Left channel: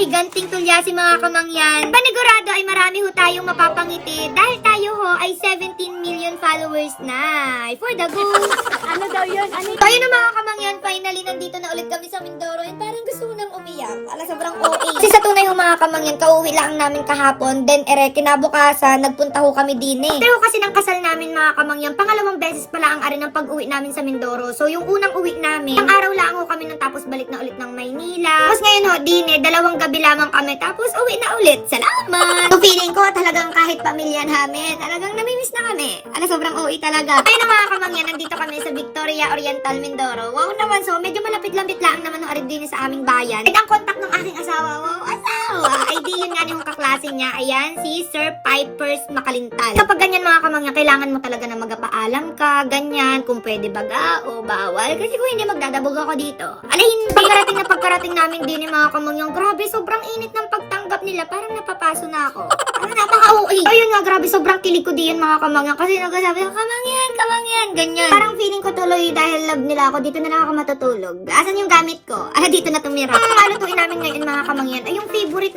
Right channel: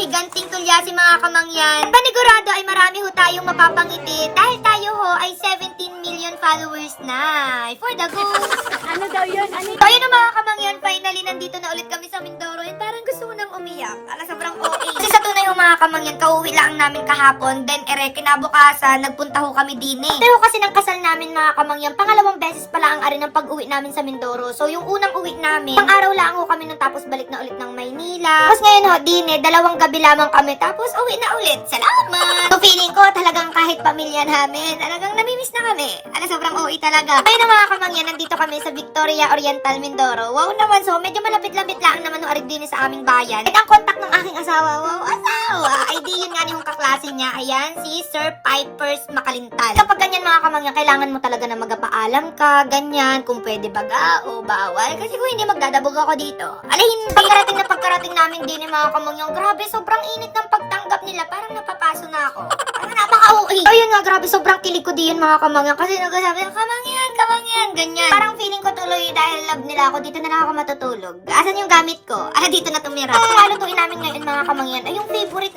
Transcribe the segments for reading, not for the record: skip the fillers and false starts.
higanting tulyasin mga kamangyan. Panigurado ay marami ho tayong mapapangiti dahil tayo ho ay 17 million followers na. For the go! Ano daw yun? Ano? So ayun na mga kamangyan, finally nandito na ulit kami sa Mindoro and parang gusto ko nang umiyak. Sobrang OA. Kasi sa tunay ho mga kamangyan, kauwi lang namin kahapon, then kinabukasan, nagpunta ho kami din eh. Pero kasi ng kasal namin mga kamangyan, pangalawang beses pala ang ari ng pag-uwi namin sa Mindoro. So yung unang uwi namin, pang araw lang ho kami nun tapos balik na ulit ng Maynila. Tapos ngayon ho, din eh, 2 gabi lamang kami tapos uwi na ulit. Salamat! So feeling ko talagang kahit pamilya namin, talagang namimiss na kami. Sobrang OA talaga. Ayun na mga kamangyan, nandito kami sa Victoria Oriental, Mindoro. Wow naman, so medyo malapit-lapit lang naman ho ari din sa aming bayan. At ang kontak ng aking asawa, wow, asawa, ay di yun nga yung kaklase niya. Ayan, si Sir Pipers Makalintal. Kapag ganyan mga kamangyan, kailangan mo talaga na magpaalam ka, ganyan, kung pwede baga o bawal. Kasi kung hindi, magdadabog ako dito. Hindi. Pagkarating namin din mga kamangyan, grabe, sobrang init ng pagtanggap nila. Parang napapaso na ako. Napaka-uwi. Ayun nga, grabe, sobrang kilig ko diyan mga kamangyan. Kasi nagsasabi, kamangyan, ganyan. Parang feeling ko tuloy dahil love nila ako, dito na lang ako matutulog. Asan yung gamit ko? Dito na tumira. Ang malutuin namin ngayon mga kamangyan, ay yung favorite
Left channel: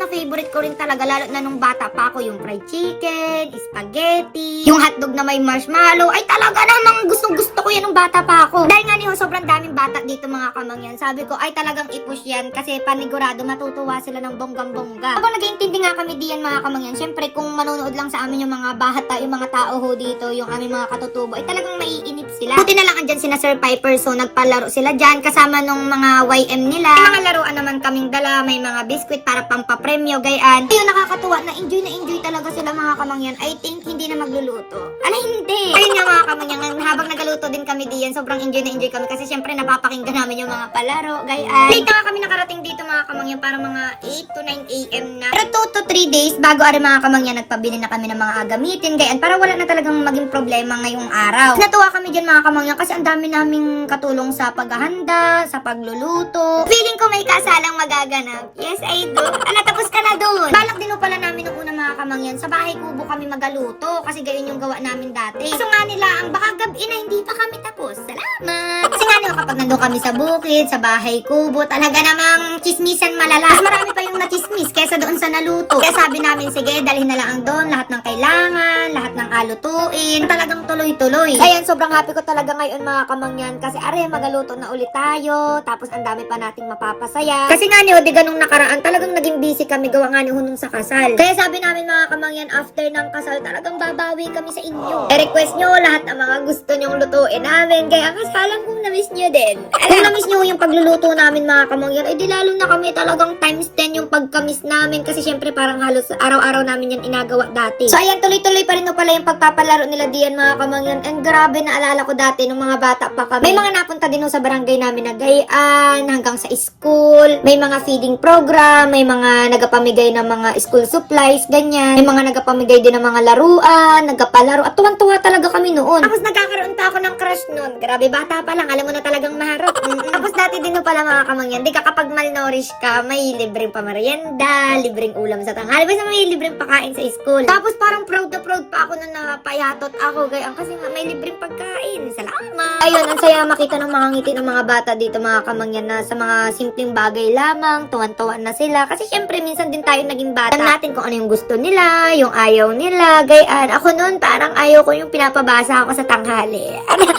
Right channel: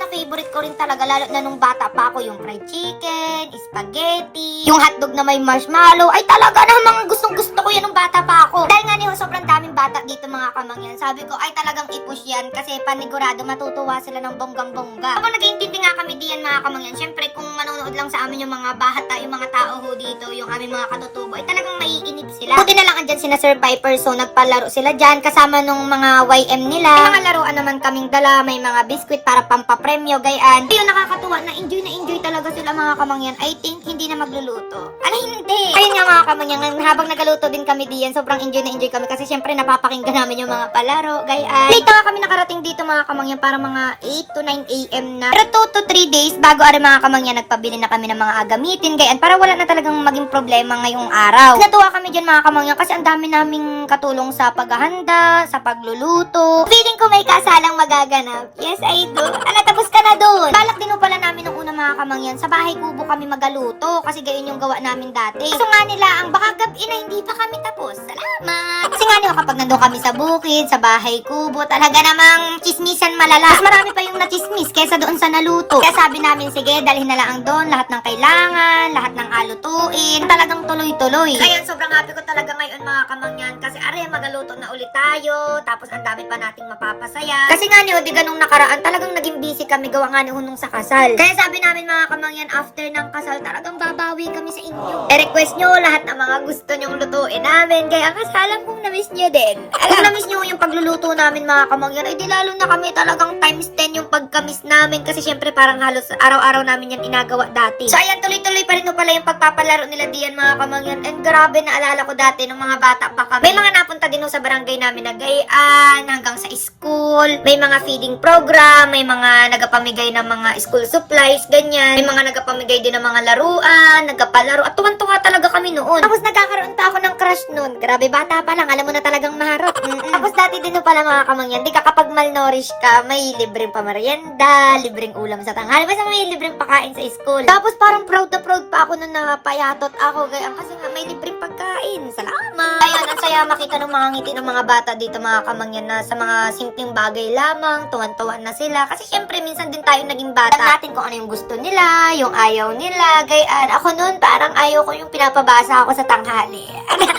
ko rin talaga, lalo na nung bata pa ako, yung fried chicken, spaghetti, yung hotdog na may marshmallow, ay talaga namang gustong-gusto ko yan nung bata pa ako. Dahil nga niyo, sobrang daming bata dito mga kamangyan. Sabi ko, ay talagang i-push yan kasi panigurado matutuwa sila ng bonggang-bongga. Habang nag-iintindi nga kami diyan mga kamangyan, syempre kung manonood lang sa amin yung mga bata, yung mga tao ho dito, yung aming mga katutubo, ay talagang maiinip sila. Buti na lang andyan sina Sir Piper, so nagpalaro sila dyan kasama nung mga YM nila. May mga laruan naman kaming dala, may mga biskwit para pampapremyo, gayan. Yung nakakatuwa na enjoy talaga sila mga kamangyan. I think hindi na magluluto. Hindi. Ayun nga mga kamangyan, habang nagaluto din kami diyan, sobrang enjoy kami kasi syempre napapakinggan namin yung mga palaro, gayan. Late na kami nakarating dito mga kamangyan para mga 8 to 9 AM na. Pero 2 to 3 days bago ari mga kamangyan, nagpabili na kami ng mga agamitin, gayan, para wala na talagang maging problema ngayong araw. Natuwa kami dyan mga kamangyan kasi ang dami naming katulong sa paghahanda, sa pagluluto. Feeling ko may kasalang magaganap. Yes, I do. Tapos ka na doon. Balak din pala namin nung una mga kamangyan, sa bahay kubo kami magaluto kasi gayon yung gawa namin dati. So nga nila, ang baka gabi na hindi pa kami tapos. Salamat! Kasi nga nila kapag nandun kami sa bukid, sa bahay kubo, talaga namang chismisan malala. Mas marami pa yung nachismis kaysa doon sa naluto. Kaya sabi namin, sige, dalhin na lang doon lahat ng kailangan, lahat ng alutuin. Talagang tuloy-tuloy. Ayan, sobrang happy ko talaga ngayon mga kamangyan kasi are, magaluto na ulit tayo. Tapos ang dami pa nating mapapasaya. Kasi nga ni, di ganung nakaraan, talagang naging busy kami gawa nga ni hunong sa kasal. Kaya sabi namin mga kamangyan, after ng kasal, talagang babawi kami sa inyo. I-request nyo lahat ng mga gusto nyong lutuin namin. Kaya kasi alam kong na-miss nyo din. Kung na-miss nyo yung pagluluto namin mga kamangyan, ay di lalo na kami talagang times 10 yung pagka-miss namin. Kasi syempre parang halos araw-araw namin yan inagawa dati. So ayan, tuloy-tuloy pa rin pala yung pagpapalaro nila diyan mga kamangyan. And grabe, naalala ko dati nung mga bata pa kami. May mga napunta din sa barangay namin na gayaan, hanggang sa school. May mga feeding program, may mga nagapamigay ng mga school supplies, ganyan. May mga nagapamigay din ng mga laruan, nagapalaro. At tuwan-tuwa talaga kami noon. Tapos nagkakaroon pa ako ng crush noon. Grabe, bata pa lang, alam mo na talagang maharap. Tapos dati din pala mga kamangyan, di ka kapag malnourished ka, may libreng pamerienda, libreng ulam sa tanghali, basta may libreng pakain sa school. Tapos parang proud na proud pa ako nung napayatot ako, gayang kasi nga may libreng pagkain. Salamat! Ayun, ang saya makita ng mga ngiti ng mga bata dito mga kamangyan na sa mga simpleng bagay lamang, tuwan-tuwan na sila. Kasi syempre, minsan din tayo naging bata. Alam natin kung ano yung gusto nila, yung ayaw nila, gayaan. Ako noon, parang ayaw ko yung pinapabasa ako sa tanghali.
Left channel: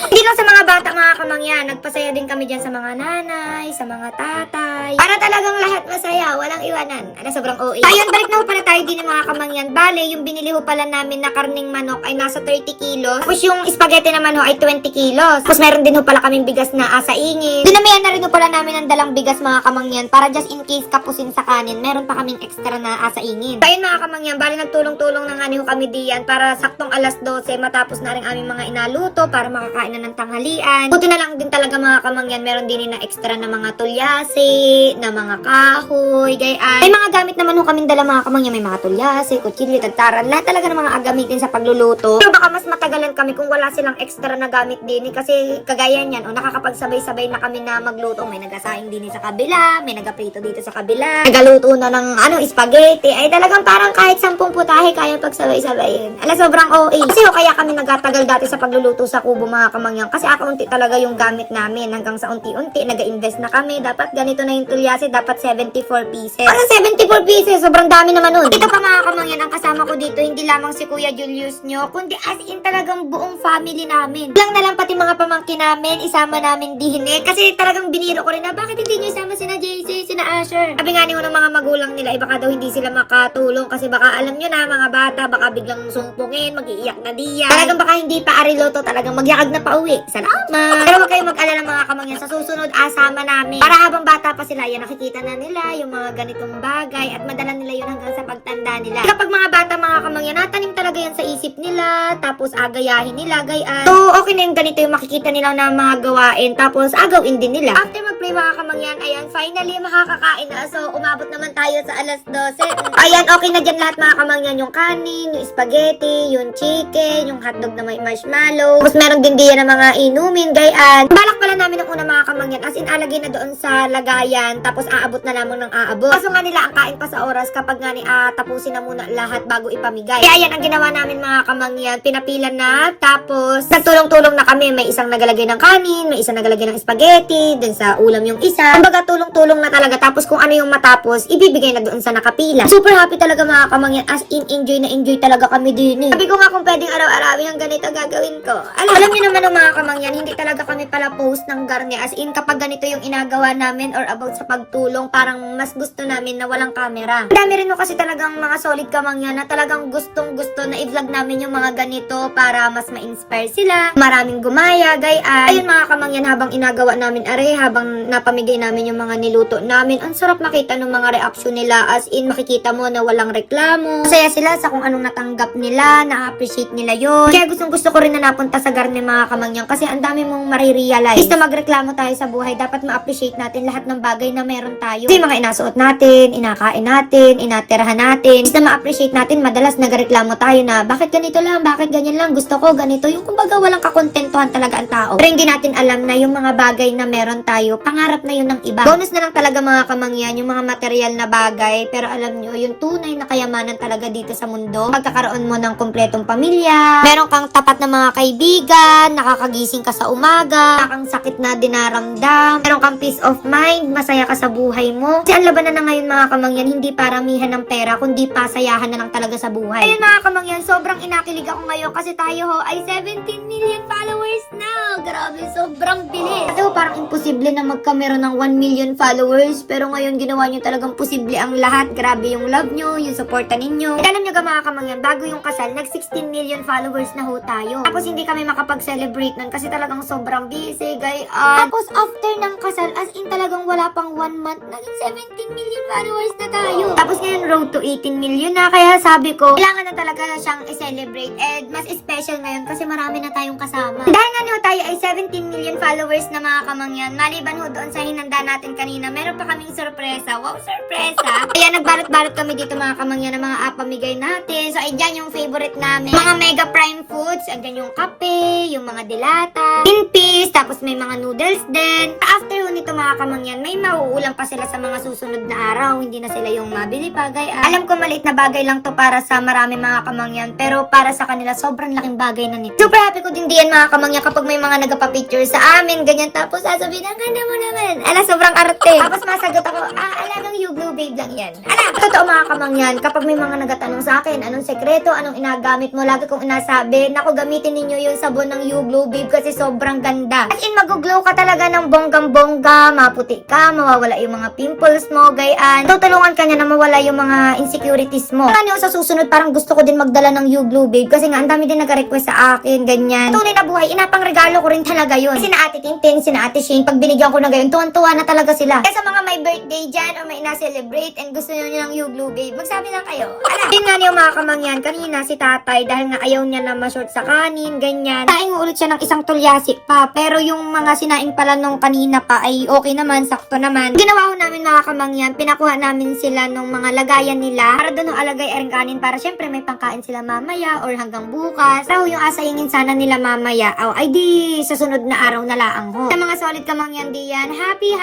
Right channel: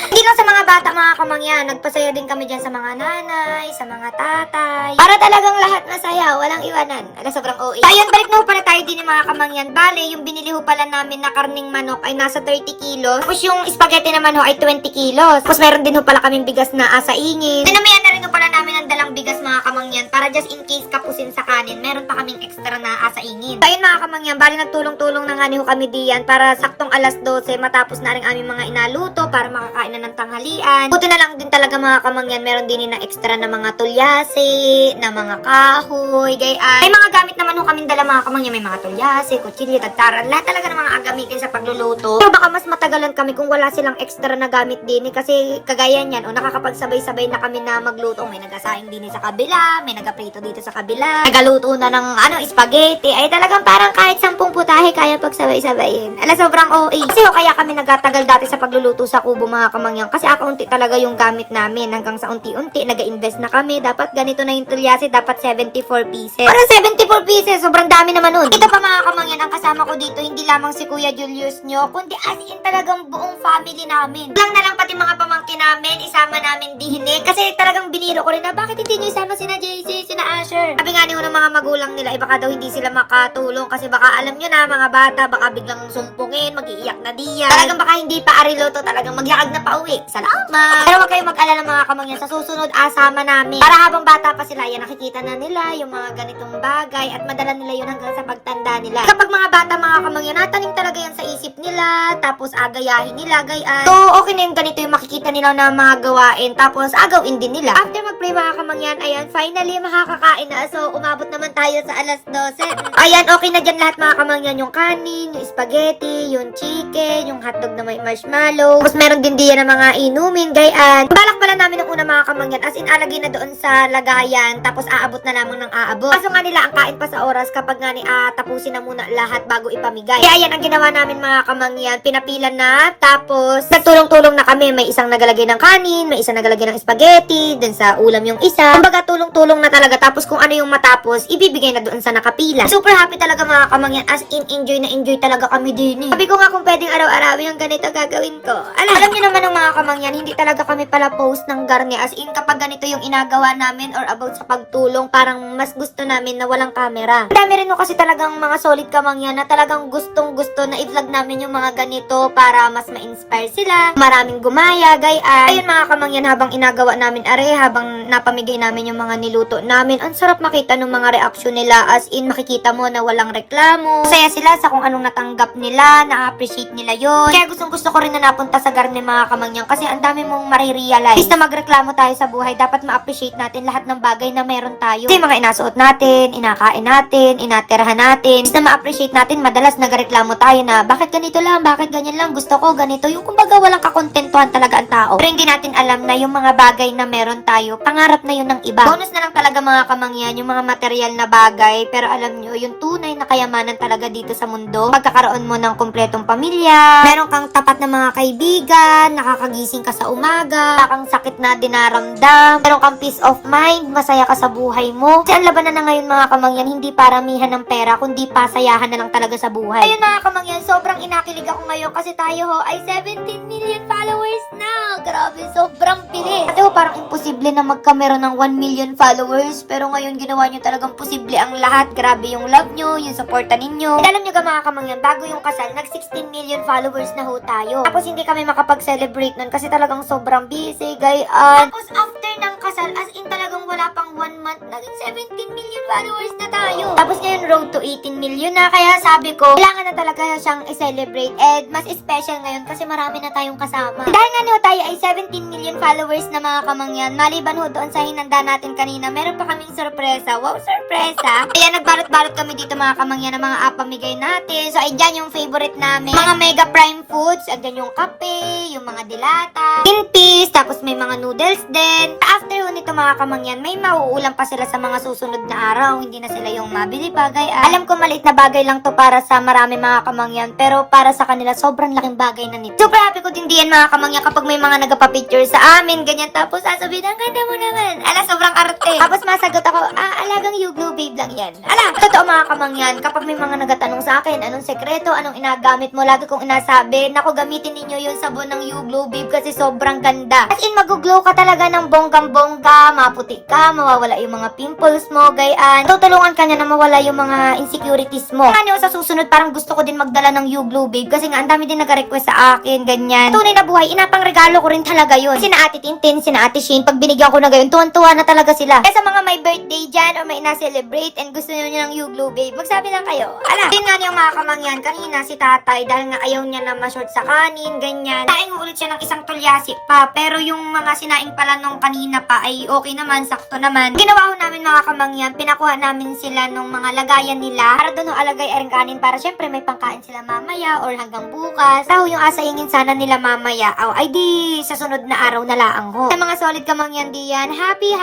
Hindi lang sa mga bata mga kamangyan, nagpasaya din kami dyan sa mga nanay, sa mga tatay. Para talagang lahat masaya, walang iwanan. Sobrang OA. So, ayun, balik na ho pala tayo din ng mga kamangyan. Bale, yung binili ho pala namin na karning manok ay nasa 30 kilos. Tapos yung spaghetti naman ho ay 20 kilos. Tapos meron din ho pala kaming bigas na asaingin. Dinamihan na rin ho pala namin ng dalang bigas mga kamangyan para just in case kapusin sa kanin, meron pa kaming extra na asaingin. So, ayun mga kamangyan, bale nagtulong-tulong na nga ho kami diyan para saktong alas 12 matapos na rin aming mga inaluto para makakain na ng tanghalian. Buti na lang din talaga mga kamangyan, meron din na extra na mga tulyase, na mga kahoy, gayaan. May mga gamit naman ho kaming dala mga kamangyan, may mga tulyase, kutsilyo, tagtaran, lahat talaga ng mga agamitin sa pagluluto. Pero baka mas matagalan kami kung wala silang extra na gamit din kasi kagaya niyan, nakakapagsabay-sabay na kami na magluto. May nagasali nagsasaing din sa kabila, may nagaprito dito sa kabila, nagaluto na ng spaghetti, ay talagang parang kahit 10 putahe kaya pagsabay-sabayin. Sobrang OA. Kasi kaya kami nagatagal dati sa pagluluto sa kubo mga kamangyan, kasi unti talaga yung gamit namin, hanggang sa unti-unti, nag-invest na kami, dapat ganito na yung tulyase, dapat 74 pieces. Parang 74 pieces, sobrang dami naman nun. Ito pa mga kamangyan, ang kasama ko dito, hindi lamang si Kuya Julius nyo, kundi as in talagang buong family namin. Lang na lang pati mga pamangkin namin, isama namin dihine. Kasi talagang biniro ko rin na bakit hindi nyo isama sina JC, sina Asher. Sabi nga ng mga magulang nila, baka daw hindi sila makatulong kasi baka alam nyo na mga bata, baka biglang sumpungin, mag-iiyak na diyan. Talagang baka hindi pa ariloto, talagang magyakag na pauwi. Salamat! Pero wag kayong mag-alala mga kamangyan, sa susunod asama namin. Para habang bata pa sila, yan nakikita na nila yung mga ganitong bagay at madala nila yun hanggang sa pagtanda nila. Kapag mga bata mga kamangyan, natanim talaga yan sa isip nila, tapos agayahin nila, gayaan. So, okay na yung ganito yung makikita nila na mga gawain, tapos agawin din nila. After mag-pray mga kamangyan, ayan, finally makakakain na. So, umabot naman tayo sa alas 12. Ayan, okay na dyan lahat mga kamangyan, yung kanin, yung spaghetti, yung chicken, yung hotdog na may marshmallow. Tapos meron din diyan ng mga inumin, gayaan. Balak pala namin ng una mga kamangyan, as in alagay na doon sa lagayan, tapos aabot na lamang ng aabot. Kaso nga nila ang kain pa sa oras kapag nga tapusin na muna lahat bago ipamigay. Kaya yan ang ginawa namin mga kamangyan, pinapilan na, tapos nagtulong-tulong na kami. May isang nagalagay ng kanin, may isang nagalagay ng spaghetti, then sa ulam yung isa. Kumbaga tulong-tulong na talaga, tapos kung ano yung matapos, ibibigay na doon sa nakapila. Super happy talaga mga kamangyan, as in enjoy na enjoy talaga kami din eh. Sabi ko nga kung pwedeng araw-arawin yung ganito gagawin ko. Alam niyo naman ng mga kamangyan, hindi talaga kami pala post ng garne, as in kapag ganito yung inagawa namin or about sa pagtulong, parang mas gusto namin na walang camera. Dami rin no kasi talagang mga solid kamangyan na talagang gustong-gusto na i-vlog namin yung mga ganito para mas ma-inspire sila. Maraming gumaya, gayaan. Ayun mga kamangyan, habang inagawa namin habang napamigay namin yung mga niluto namin, ang sarap makita ng mga reaksyon nila, as in makikita mo na walang reklamo. Masaya sila sa kung anong natanggap nila, na-appreciate nila yon. Kaya gustong-gusto ko rin na napunta sa garne mga kamangyan, kasi ang dami mong marirealize. Basta magreklamo tayo sa buhay, dapat ma-appreciate natin lahat ng bagay na meron tayo. Kasi mga inasuot natin, inakain natin, inatirahan natin. Basta ma-appreciate natin, madalas nagreklamo tayo na bakit ganito lang, bakit ganyan lang, gusto ko ganito. Yung kumbaga walang kakontentuhan talaga ang tao. Pero hindi natin alam na yung mga bagay na meron tayo, pangarap na yun ng iba. Bonus na lang talaga mga kamangyan, yung mga material na bagay. Pero alam nyo, yung tunay na kayamanan talaga dito sa mundo, pagkakaroon mo ng kumpletong pamilya, meron kang tapat na mga kaibigan, nakakagising ka sa umaga, wala kang sakit na dinaramdam, meron kang peace of mind, masaya ka sa buhay mo. Kasi ang labanan na ngayon mga kamangyan, hindi paramihan ng pera, kundi pasayahan na lang talaga sa buhay. Ayun mga kamangyan, sobrang inakilig ako ngayon kasi tayo ho ay 17 million followers na. Grabe, sobrang bilis. Kasi parang imposible na magkamera ng 1 million followers, pero ngayon ginawa nyo talagang posible ang lahat. Grabe yung love nyo, yung supporta ninyo. And alam nyo ka mga kamangyan, bago yung kasal, nag 16 million followers na ho tayo. Tapos hindi kami makapag-celebrate nun kasi talagang sobrang busy, gayaan. Tapos after ng kasal, as in talagang wala pang 1 month, naging 17 million followers na tayo. Tapos ngayon, road to 18 million na. Kaya sabi ko, kailangan na talaga siyang i-celebrate. And mas special ngayon kasi marami na tayong kasama. Dahil nga no, tayo ay 17 million followers na mga kamangyan. Maliban ho doon sa hinanda natin kanina, meron pa kaming sorpresa. Wow, sorpresa! Kaya nagbalot-balot kami dito mga kamangyan ng mga apamigay natin. So, ay dyan yung favorite namin. Mga Mega Prime Foods. Andyan yung kape, yung mga dilata, tin peas, tapos may mga noodles din. After ho nito mga kamangyan, may mauulam pa sila sa mga susunod na araw. Hindi na sila yung mabili bagay. Alam ko maliit na bagay lang to para sa marami mga kamangyan, pero para sa kanila sobrang laking bagay na nito. Super happy ko din diyan mga kamangyan kapag may mga nagpa-picture sa amin, ganyan, tapos sasabihin, ang ganda mo naman. Sobrang arte. Tapos masagot ako, alagang you blue babe lang yan. Totoo mga kamangyan, kapag may mga nagatanong sa akin, anong sekreto, anong inagamit mo, lagi kong inasabi, naku, gamitin ninyo yung sabon ng You Glow Babe kasi sobrang ganda. As in, mag-glow ka talaga ng bonggang-bongga, maputi ka, mawawala yung mga pimples mo, gayaan. Tutulungan ka niya na mawala yung mga insecurities mo. Kaya niyo sa susunod, parang gusto ko din magdala ng You Glow Babe kasi nga, ang dami din nag-request sa akin, ganyan. Tunay na buhay, inapang regalo ko rin talaga yun. Sina Ate Tintin, sina Ate Shane, pag binigyan ko na gayon, tuwan-tuwa na talaga sila. Kaya sa mga may birthday dyan or may na-celebrate, mag-celebrate and gusto nyo ng Yuglo babe, magsabi lang kayo. Ala, yun nga niyo mga kamangyan, kanina si tatay dahil nga ayaw niya na ma-short sa kanin, ganyan. Taing ulit siya ng isang tulyasik pa, pero yung mga sinaing pala nung kanina pa ay okay naman, sakto naman. Ginawa ho namin mga kamangyan, pinakuha namin sila nung mga lagayan nila para doon ho alagay ang kanin para syempre may pangkain sila mamaya or hanggang bukas. Sa yung asahingin sana nila mamaya, ay di sa sunod na araw na laang ho. Sa mga solid kamangyan diyan, happy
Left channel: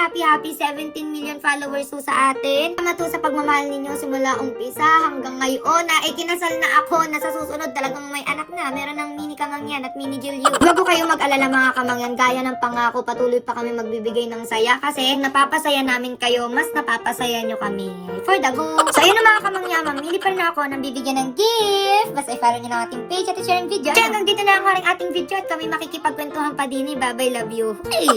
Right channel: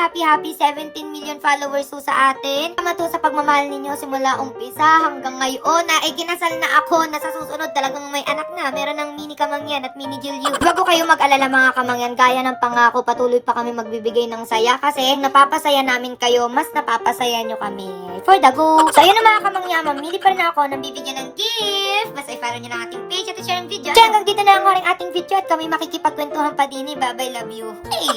17 million followers ho sa atin. Tama to sa pagmamahal ninyo simula umpisa hanggang ngayon na ikinasal na ako na sa susunod talagang may anak na. Meron ng mini kamangyan at mini Julio. Huwag ko kayo mag-alala mga kamangyan, gaya ng pangako patuloy pa kami magbibigay ng saya kasi napapasaya namin kayo, mas napapasaya nyo kami. For the go! So ayun na mga kamangyan, mamili pa rin ako ng bibigyan ng gift. Basta i-follow nyo lang ating page at i-share ang video. Kaya hanggang dito na lang ang ating video at kami makikipagkwentuhan pa din. Bye bye, love you. Hey!